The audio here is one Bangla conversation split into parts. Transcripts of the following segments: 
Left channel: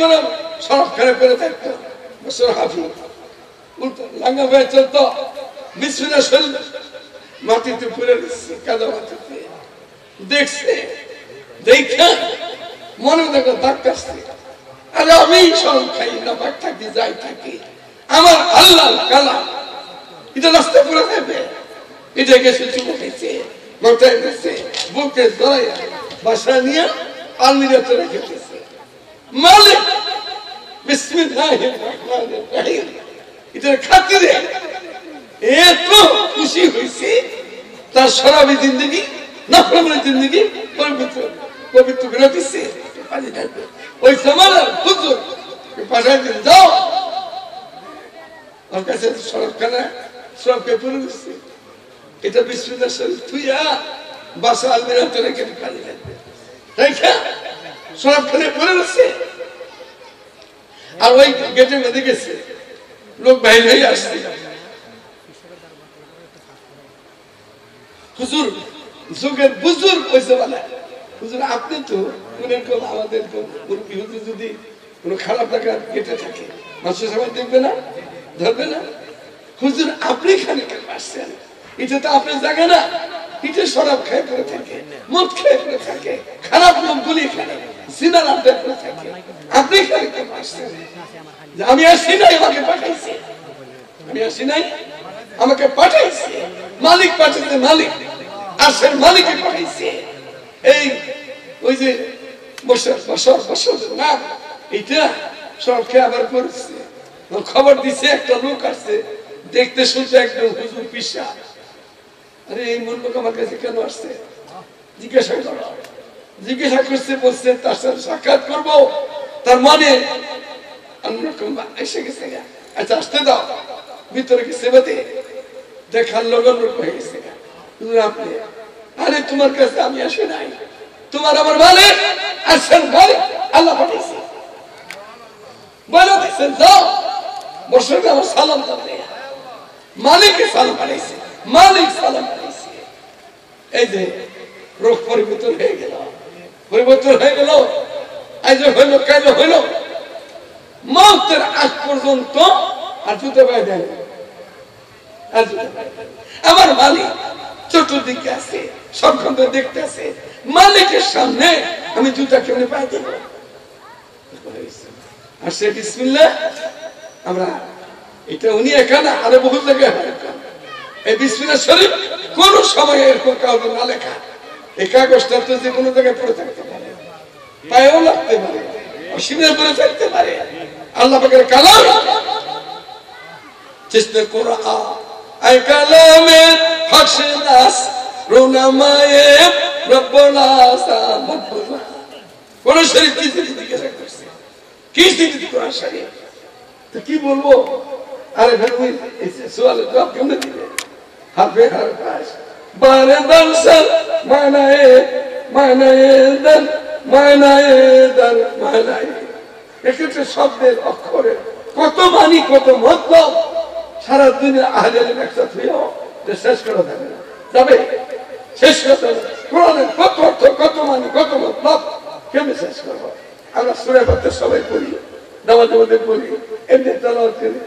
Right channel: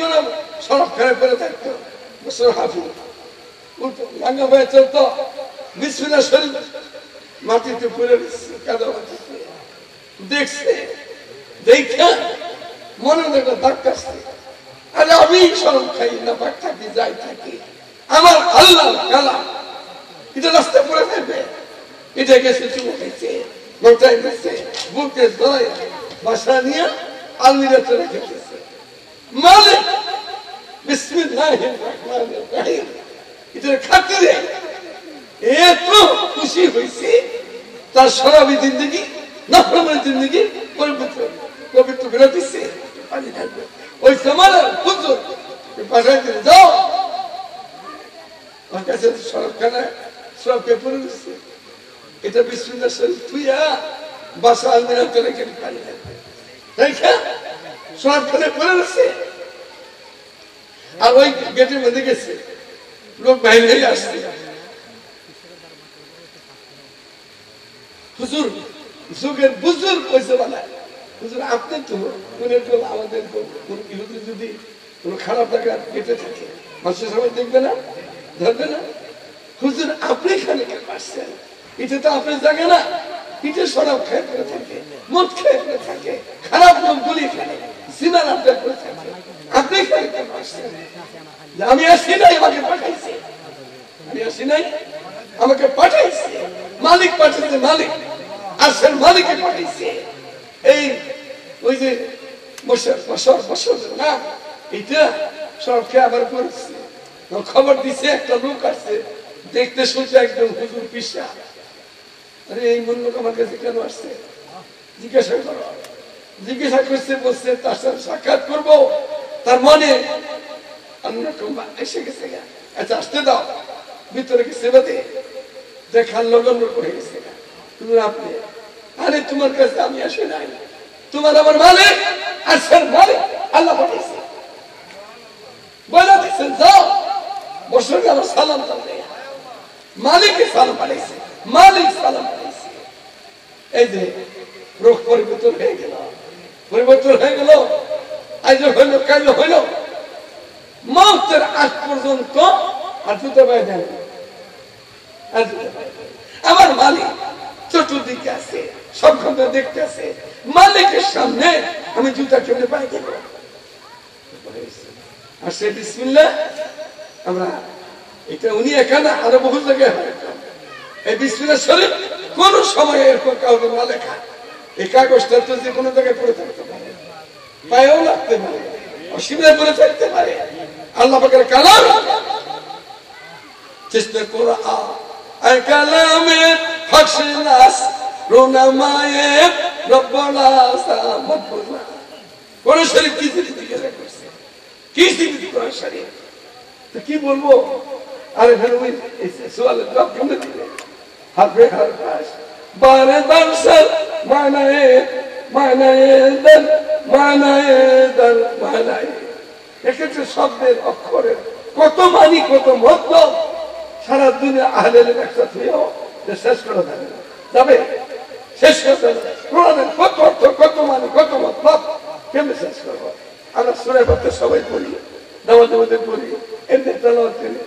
করে সড়ক খেলে করে থাকতো হাফি উল্টো লাঙ্গা হয়ে চলতো বিসমিল্লাহ শরীফ মাটিতে পুরে দিচ্ছে কাদা মাটিতে দেখছে দেখা মনে দেখো দাগ কাটছে আরে আমি সব খাই না পাক থাকি যাই থাকি আমার আল্লাহ কালাম এটা রাস্তায় পড়ে থাকবে এটা গেছে চুমে খাইছে মাথায় গেছে বুকে ধরাই বাসা নিয়ে আলমিরাতে রেখে দিয়েছে মালিক বিসমিল্লাহির রহমানির রহিম এটার খাতিরে এত খুশি হয়েছে তার শরাবি জিন্দগি নফরমানি জিন্দগি পবিত্র করে দিচ্ছে পানি থাকবে ওই সমানের হুজুর পাশায় দিন যাও আমার কাছে সড়কখানে সড়কে পড়ে দিচ্ছে এটা বিসমিল্লাহ শরীফ থুইয়া বাসা আলমিরাতে রেখে পানি থাকবে তাই সড়কখানে পড়ে দিচ্ছে আর ওই গেটের মধ্যে গেছে লোক বাইরে হয়ে আসছে হুজুর যুগের বুজুর্গ কইছে বলে হুজুর আপনি তো আমাদের হুজুর যদি কোনো খারাপ লাগা গেটে থাকে মানুষের সবাই দেখবে না ধরবে না হুজুর আপনি এখানে কেন আসছেন এটা তো আপনার জায়গা না এটা শরাব খেয়ে করে থাকে মদ খেয়ে করে থাকে খারাপ লোকগুলি এখানে জিনার আড্ডা করে থাকে আপনি এখানে কেন আসছেন আমি আসি নাই আমাকে পাঠাইছে আমি আসি নাই আমাকে পাঠাইছে মালিক পাঠাইছে মালিক আসেন মালিককে পাঠাইছে এই ওই যে বছর না এইটা সব খেয়ে আবার করেছে খবর দিছে একটা লোক আসছে দেখতে শুনতে একদম হুজুর পিসা আরে এই মূল লোক আমার কাছে কেন আসছে জিজ্ঞাসা করো জিজ্ঞাসা করছে বলছে তার সাথে সাক্ষাৎ করবো তার মনে অন্যরকম এসে গেছে আচ্ছা আসতে দাও ভিতরে গেছে বাদে দেখার লগন লোক হয়ে গেছে আপনি আরে তোমার কাছে আমি আসে নাই তোমার আমার মালিক আসেন মালিক আল্লাহ পাঠিয়েছে বলে দিচ্ছেন যাও বসে আমার সালাম করবে মালিককে সালাম পাঠিয়েছে মালিক সালাম পাঠিয়েছে এই যে রোগ পরিবর্তন হয়ে গেল আজ হইল কাজ হইল মৌতের আগ পর্যন্ত আর জুতো পায় দেয় আমার মালিক চতুর্দিকে আছে সবখান দেখতে আছে মালিকের সামনে আমি জুতা কেমনে পাই দেব আর সে বিসমিল্লাহ আমরা এটা উনি এখানে আরো বহু জায়গায় এই বিসমিল্লাহ শরীফ কোন সময় এরকম কাউকে না লেখা এই কাগজটা তো যে কোনো জায়গায় পড়ে থাকতে পারে পায়েও লাগতে পারে অসুবিধা পড়ে থাকতে পারে আল্লাহ পাকের কালাম চেষ্টা করা আই কালামে হাসনাস রুনামায়ে রব্বানা সামাতুল্লাহ কোন শরীফ কি দিকে রাখছে কি দিকে কোরআন শরীফ তো কি বলবো আরে ভাই এই সওয়ালের জবাব কেমনে দিবে হারফে হারফাস বারে দানসর মানায়ে দান এক্ষেত্রে শব্দের অক্ষরের কত মানি কত মতলব সারা দুনিয়া আহলে একসাথে হয়েও শেষ করা যাবে না যাবে শেষ করতে হবে কোরআনের কত অর্থ কত মানি কত মতলব কেমনে শেষ করবো আমরা সূরা ফাতিহা সবাই পড়ি নামাজে মধ্যে পড়ি এমনি তেলাওয়াত করি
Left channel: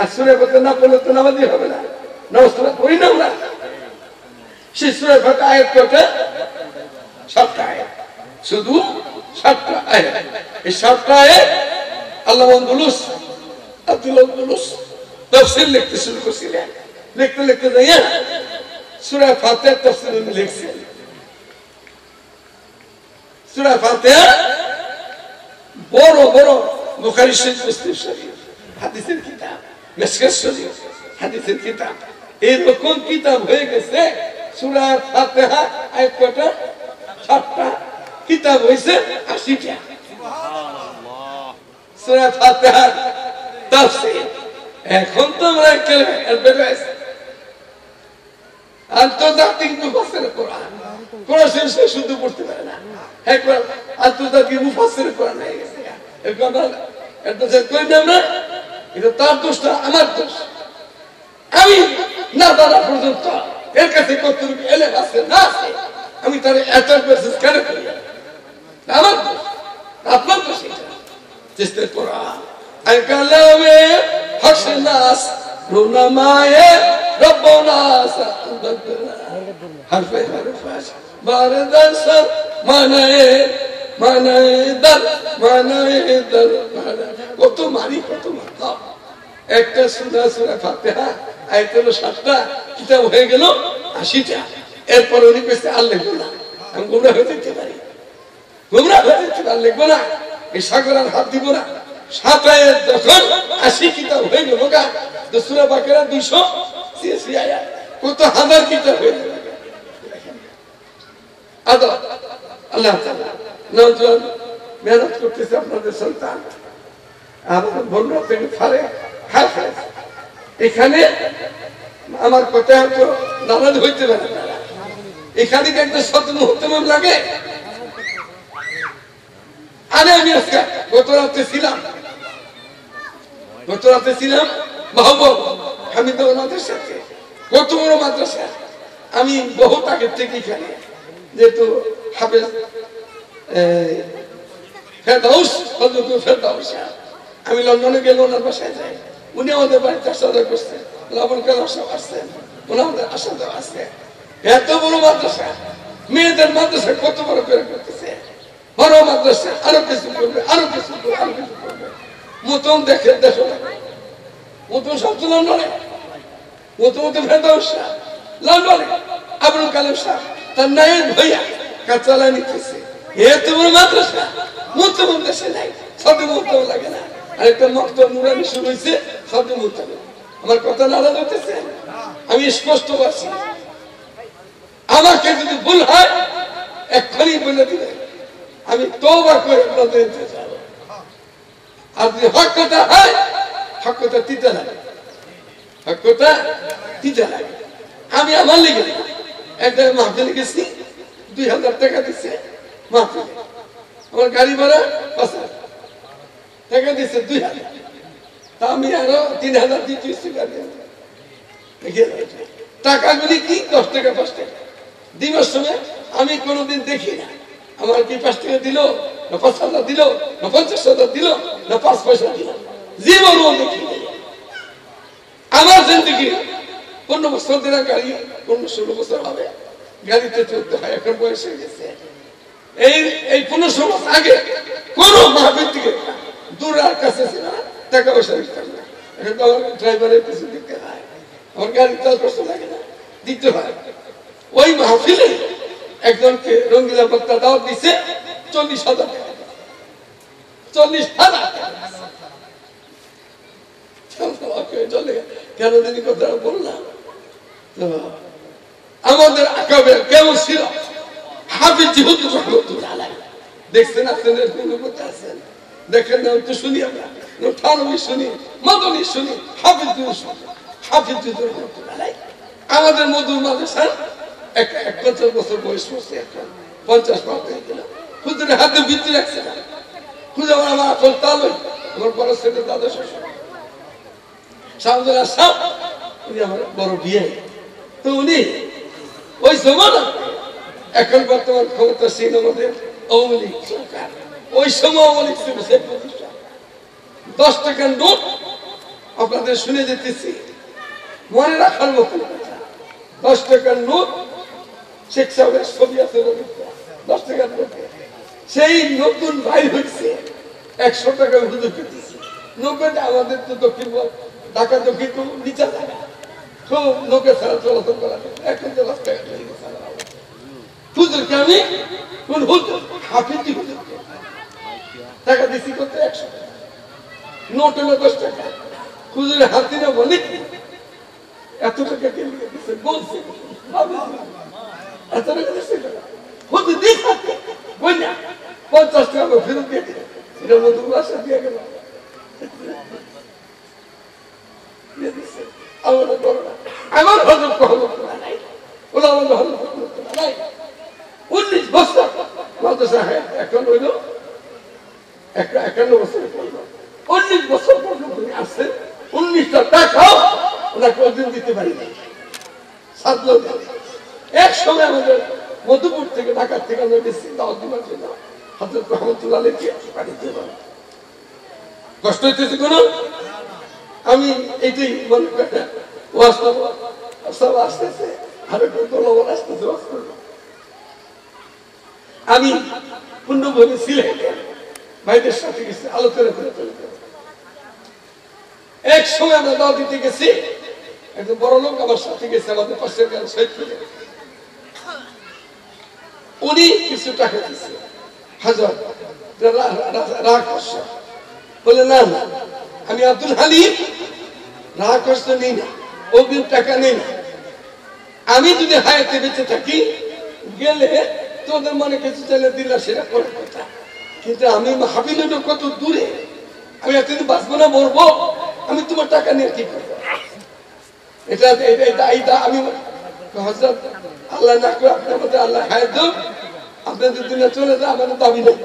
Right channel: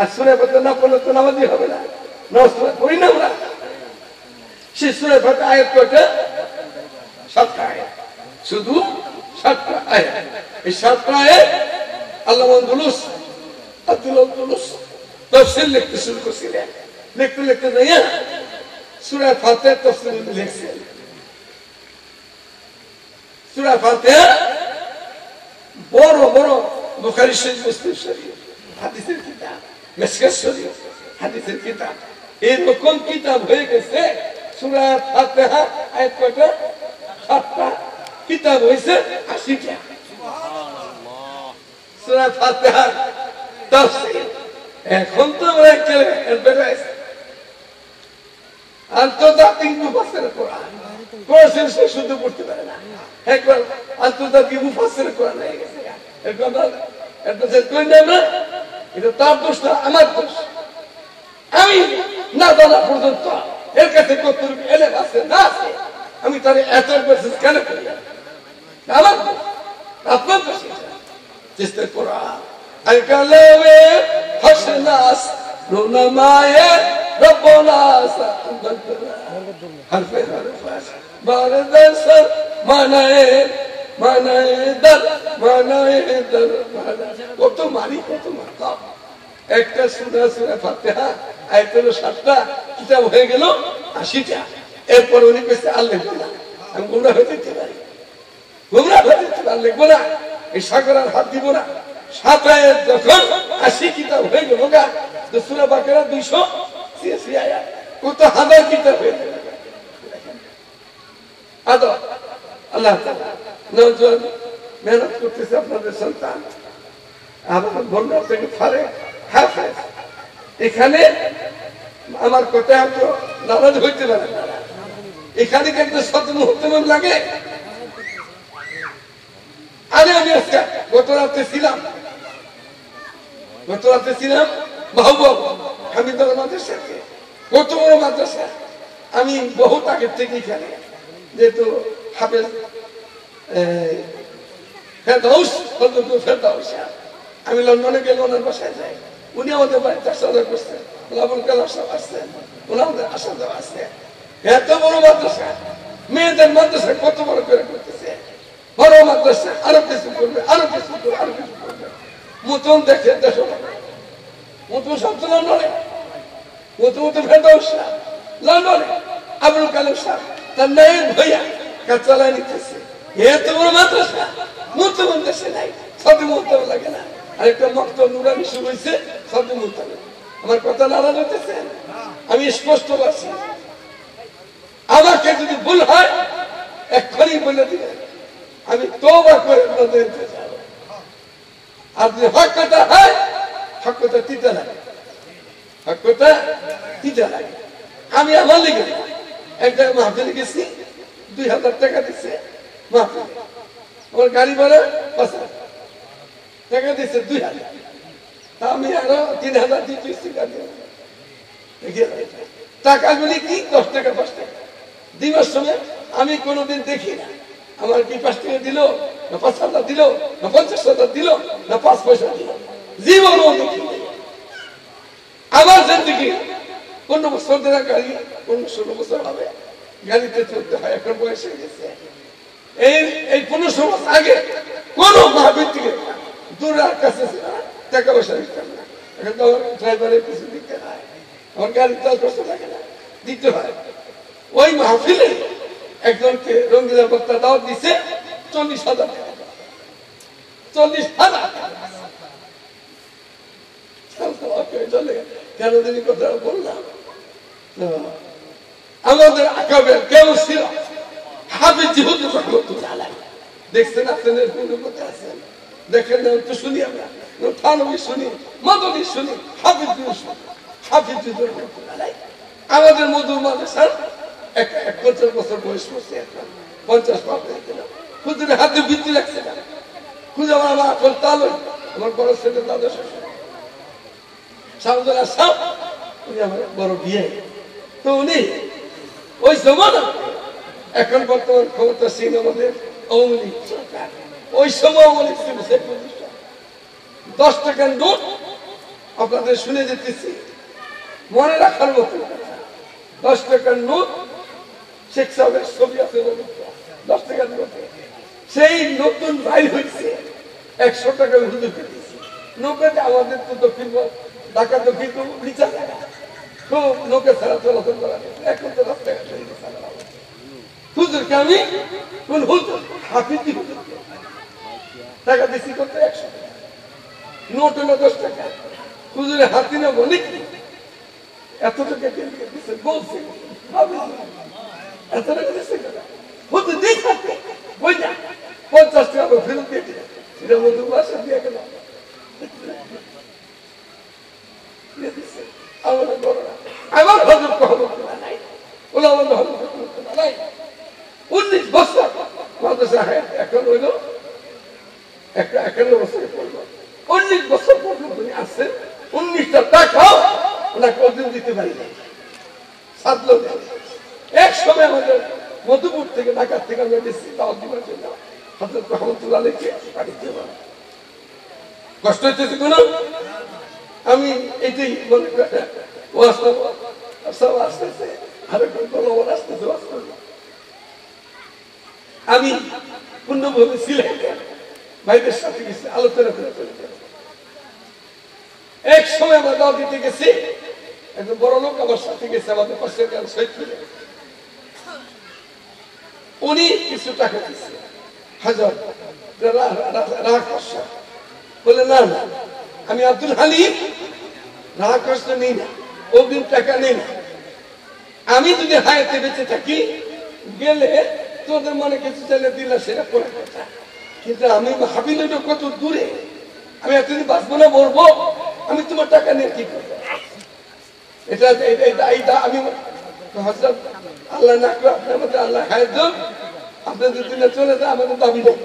আর সূরা ফাতিহা না পড়লে তো নামাজই হবে না নামাজ পড়ি না আমরা সেই সূরা ফাতিহা আয়াত কয়টা 7টা আয়াত শুধু 7টা আয়াত এই 7টা আয়াত আল্লাহ বলুস আব্দুল্লাহ বলুস তাফসীর লিখতে শুরু করছিলেন লিখতে লিখতে যাইয়া সূরা ফাতিহা তাফসীর উনি লিখছেন সূরা ফাতিহা বড় বড় বুখারী শরীফ মুসলিম শরীফ হাদিসের কিতাব মিশকাত শরীফ হাদিসের কিতাব এরকম কিতাব হয়ে গেছে সূরা ফাতিহা আয়াত কয়টা 7টা কিতাব হয়েছে 80টা সুবহানাল্লাহ সূরা ফাতিহা তাফসীর এখন তো আমরা একটা অ্যাডভার্টাইজ আন্তর্জাতিক মুফাসসির কোরআন কোরআন সে শুদ্ধ পড়তে পারে না একবার আন্তর্জাতিক মুফাসসির কোরআন হয়ে গেছে এখন অ্যাডভার্টাইজ কই না আমরা এটা তার দোষ না আমার দোষ আমি না জানা পর্যন্ত এর কাছে কতটুকু এলেম আছে না আছে আমি তার অ্যাডভার্টাইজ কেন করি আমার দোষ আপনার দোষ চিস্তের পড়া কালামে হাসনাস রুনামায়ে রব্বানাস হরফে হরফাস বারদাস মানায়ে মানায়ে দর মানায়ে দর কত মারি কত মাতা একটা সূরা ফাতিহা আয়াত হলো 7টা কিতাব হয়ে গেল 80টা এরপর উনি কইছে আর লিখবো না আমি গোমরা হয়ে যেতে পারি গোমরা হয়ে যেতে পারি লিখবো না এই সাগর আর হাত দিব না 7 আয়াত যখন 80 কিতাব হয়ে গেল গা তো সূরা বাকারা 286 আয়াত কত হাজার কিতাব হয়ে গেল আদা আল্লাহ তাআলা নওজোয়ান মেহনত করতেছে আপনাদের সন্তান আর বলরা থেকে ফারে হাফেজ এখানে আমার কথা হয়তো নারাজ হইতে পারে এখানে কি একটা শত মুহূর্ত লাগে আরে আমি আজকে গত রাতে ছিলাম মাহবুব হামিদুল মাদ্রাসাতে কত বড় মাদ্রাসা আমি বহুত আগের থেকে এখানে যেহেতু হাফেজ ফেরদাউস ফেরদাউস আমি লন্ডনে গেলে ওনার বাসায় যাই উনি আমাদের বাড়িতে আসা করছেন লাবণ কালাম সাহেব আসছেন উনি আমাদের আসা যাওয়া আসছেন এত বড় মাদ্রাসা মেয়েদের মাদ্রাসা কত বড় করে করতেছে বড় মাদ্রাসা আরো কিছু করবে আরো কিছু করবে আরো কিছু করবে মতন দেখে দেখো মতন সব তো লন্ডনে মতো ফেরদাউস লন্ডনে আবুল কালাম সাহেব তার নায়েব ভাইয়া কাজ চালায় নিতেছে এত বড় মাদ্রাসা মতো মাদ্রাসা নাই সব মতো লাগে না আরেকটা মক্তব নুরানি শুরু হয়েছে সব মতো আমার কথা নারাজ হতেছে আমি স্পষ্ট পাচ্ছি আমাকে যদি ভুল হয় এক্ষুনি বলে দিলে আমি তওবা করে আপনাদের যাব আর যদি হক কথা হয় হক কথা তিতা লাগে হক কথা তিতা লাগে আমি আমার লিখে একটা মাহফিলে গেছি 2000 টাকা দিচ্ছে মাহফিল আমার গাড়ি ভাড়া 5000 টাকা দিচ্ছে 2000 তা আমি আরো 3000 দিতেছি টাকাগুলি কি 10 টাকা 5 টাকা দিবার সময় আমি কোনোদিন দেখি না আমার কি 5 টাকা দিল না 5000 দিল না 50,000 দিল না 5 পয়সা দিল জীবনও দেখি আমার জিন্দগি 15 বছর ধরে গাড়ি 16 বছর হবে গাড়িতে চলতে হয় এখন বয়স হয়ে গেছে এই 15 বছর আগে কোন মাহফিল থেকে দূরের কাছে ছিল না টাকা পয়সা দিতাম না এখন তো আমার ড্রাইভারের কিছু দিতে হয় আমার গাড়ির তেল কষ্ট লাগে না দিতে হয় ওই মাহফিলে একজনকে রঙ্গিলা বক্তা দাওয়াত দিছে 40,000 টাকা 40,000 চলে কেন দিদি কথা বললাম আমাদের আকাবের কেউ ছিল হাফিজ হুজুর রহমাতুল্লাহ আলাইহি দেখছেন আপনাদের কোন কথা আছেন দেখেন না তো শুনি আমরা থানবী শুনি মাদনী শুনি হাফিজ হুজুর রহমাতুল্লাহ আলাইহি আমাদের মধুর মাদ্রাসার 51 বছর বয়স হচ্ছে এখন 50 পার হয়ে গেল হুজুরের হাতে বিদ্যুৎ রাখছে না হুজুর আমার আসল তালুক আমার বড় ছেলে দাদা শ্বশুর শাহজালাল সাহেব উনি আমার বড় বিয়ে তো উনি ওই জমানা এখন বর্তমান ক্ষমতা ছিল আমাদের আওয়ামী লীগ সরকার ওই সময় আওয়ামী লীগ ছিল সেই প্রতিষ্ঠান 10 টাকার নোট আপনাদের শুনে যেতেছি মনে রাখার মতো 10 টাকার নোট শেখ সাহেবের ছবি আছে 10 টাকার নোট সেই নতুন বাইর হয়েছে 100 টাকা হুজুরকে দিয়েছে নৌকাতে আমাদের তো দক্ষিণ ঢাকা দক্ষিণ তো নিচা থাকা খুব নৌকা ছাড়া চলাচল করা এখন তো রাস্তায় হুজুরকে আমি কোন হুজুর হাফিজি হুজুরকে টাকা দিচ্ছি করতে 100 টাকা নোট হলো 10 টাকা হুজুরের হাতে না বলে এত টাকা দিয়ে দিচ্ছে বলছে এত টাকা দিচ্ছে হুজুর দিয়ে থাকবে বই না 50 টাকা ফেরত দিয়ে দিল সেটা মধুর বাসা দিয়ে গেল আমাদের বড় না আমার হজর কখনো নাই ওলা হজর কখনো নাই 19 বছর মাদ্রাসা এখন হইল 51 বছরে পড়লো 19 বছর পর্যন্ত আসছেন 19টা টাকাও ওনাকে অর্জন দিতে পারি না সাধলো এক সময় আমাদের মধুপুর থেকে ঢাকার থেকে আমরা গেছি দাওয়াত দিবার জন্য হযরত রহমাতুল্লাহ আলাইহি বাড়িতে কষ্ট হইতেছে কোন? আমি এইটাই মনে করি আসতেছে আমি পূর্ণভূমি সিলেটে ভাইদের সাথে গেছি, আলোচনা করে চলে গেল। এক সময় আমরা দাওয়া দিতে গেছি, একজন বড় লোক আমার সাথে গেছে, আমাদের পাশের গান শহীদ করে। উনি কিছু টাকা দিচ্ছে, হাজার রাগ কষ্ট বলে, না না আমি আব্দুল হালিম রাগ কষ্ট নেই না, অগ্রিম টাকা নেই না, আমি যদি হায়াতে বেঁচে থাকি গেলে তোদের মনে কিছু চাইলে দিলা সেটা করে কথা, কিন্তু আমি হাবিলের কত দূরে, আমি এতদিন বাঁচবো না মরবো, আমি তোমার টাকা নিয়ে কি করবো? এটা আমি হযরত আল্লাহ না করে আপনি আমাদের আল্লাহ হায়াত দেন, আপনার যদি না চলে যায় আমাদের দাবি নেই,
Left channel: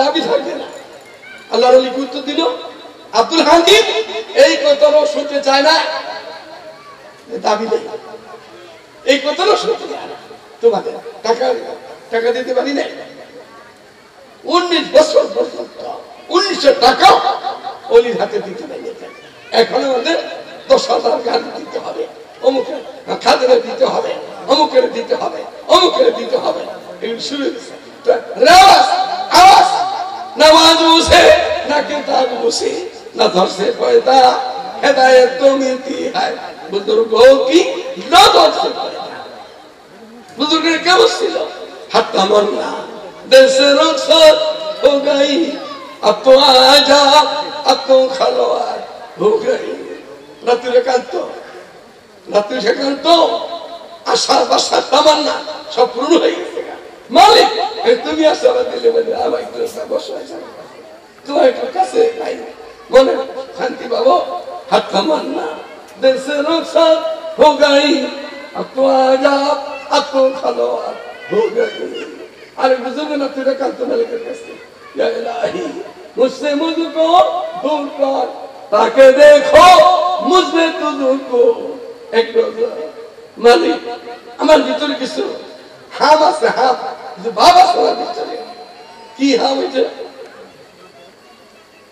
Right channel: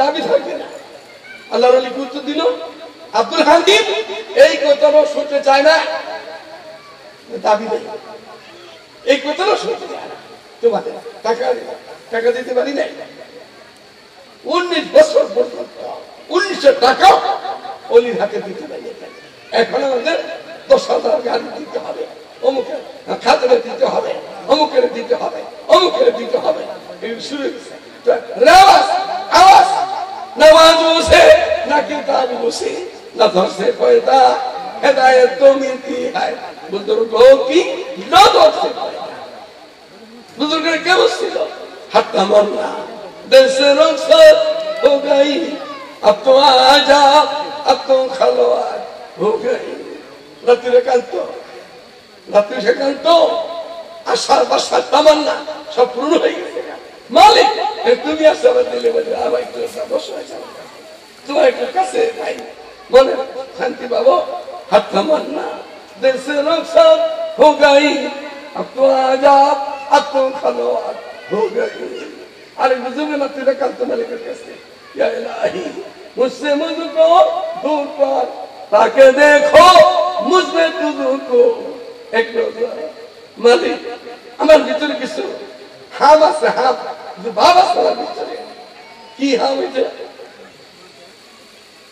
দাবি থাকবে না। আল্লাহর ওলি গুরুত্ব দিল, আব্দুল হামিদ এই কথাও শুনতে চায় না, দাবি নেই, এই কথাও শুনতে চায় না। তোমাদের টাকা দিতে পারি নাই, 19 বছর পর্যন্ত 1900 টাকা অলির হাতে দিতে পারি। এখন আমাদের 10,000 গাড়ি দিতে হবে, অমুকের খাজনা দিতে হবে, অমুকের দিতে হবে, অমুকের দিতে হবে। এই শুরু আওয়াজ নামাজ বসে না কিতাব বসে না ধরছে পয়দা হেদায়েত তো মিলতি হয় বুজুর্গों की ना ধরছে বুজুর্গের কেমন ছিল? হাত তামান্না दिल से रुखसत हो गई, अब तो आजा, अब तो खलवात हो गई। রাত্রি সেকান্ত আশা বাসা তামান্না সব পূর্ণ হয়ে গেছে। মালিক তুমি আসা দিলে বলে আমার একটু বসে তোমার একটু কাছে ভাই মনে শান্তি পাবো। হাত তামান্না दिल से रुखसत हो गई, अब तो आजा, अब तो खलवात हो गई। अरे बुजुर्ग रात्रि सेकाন্ত মালিকের কাছে, या इलाही मुझसे मुझको दूर कर, ताकि देखो मुझमें तुझको एक मालिक। আমার ভিতরে কিছু হাম আছে, হাম বাবা সবার ভিতরে কি হাম হয়েছে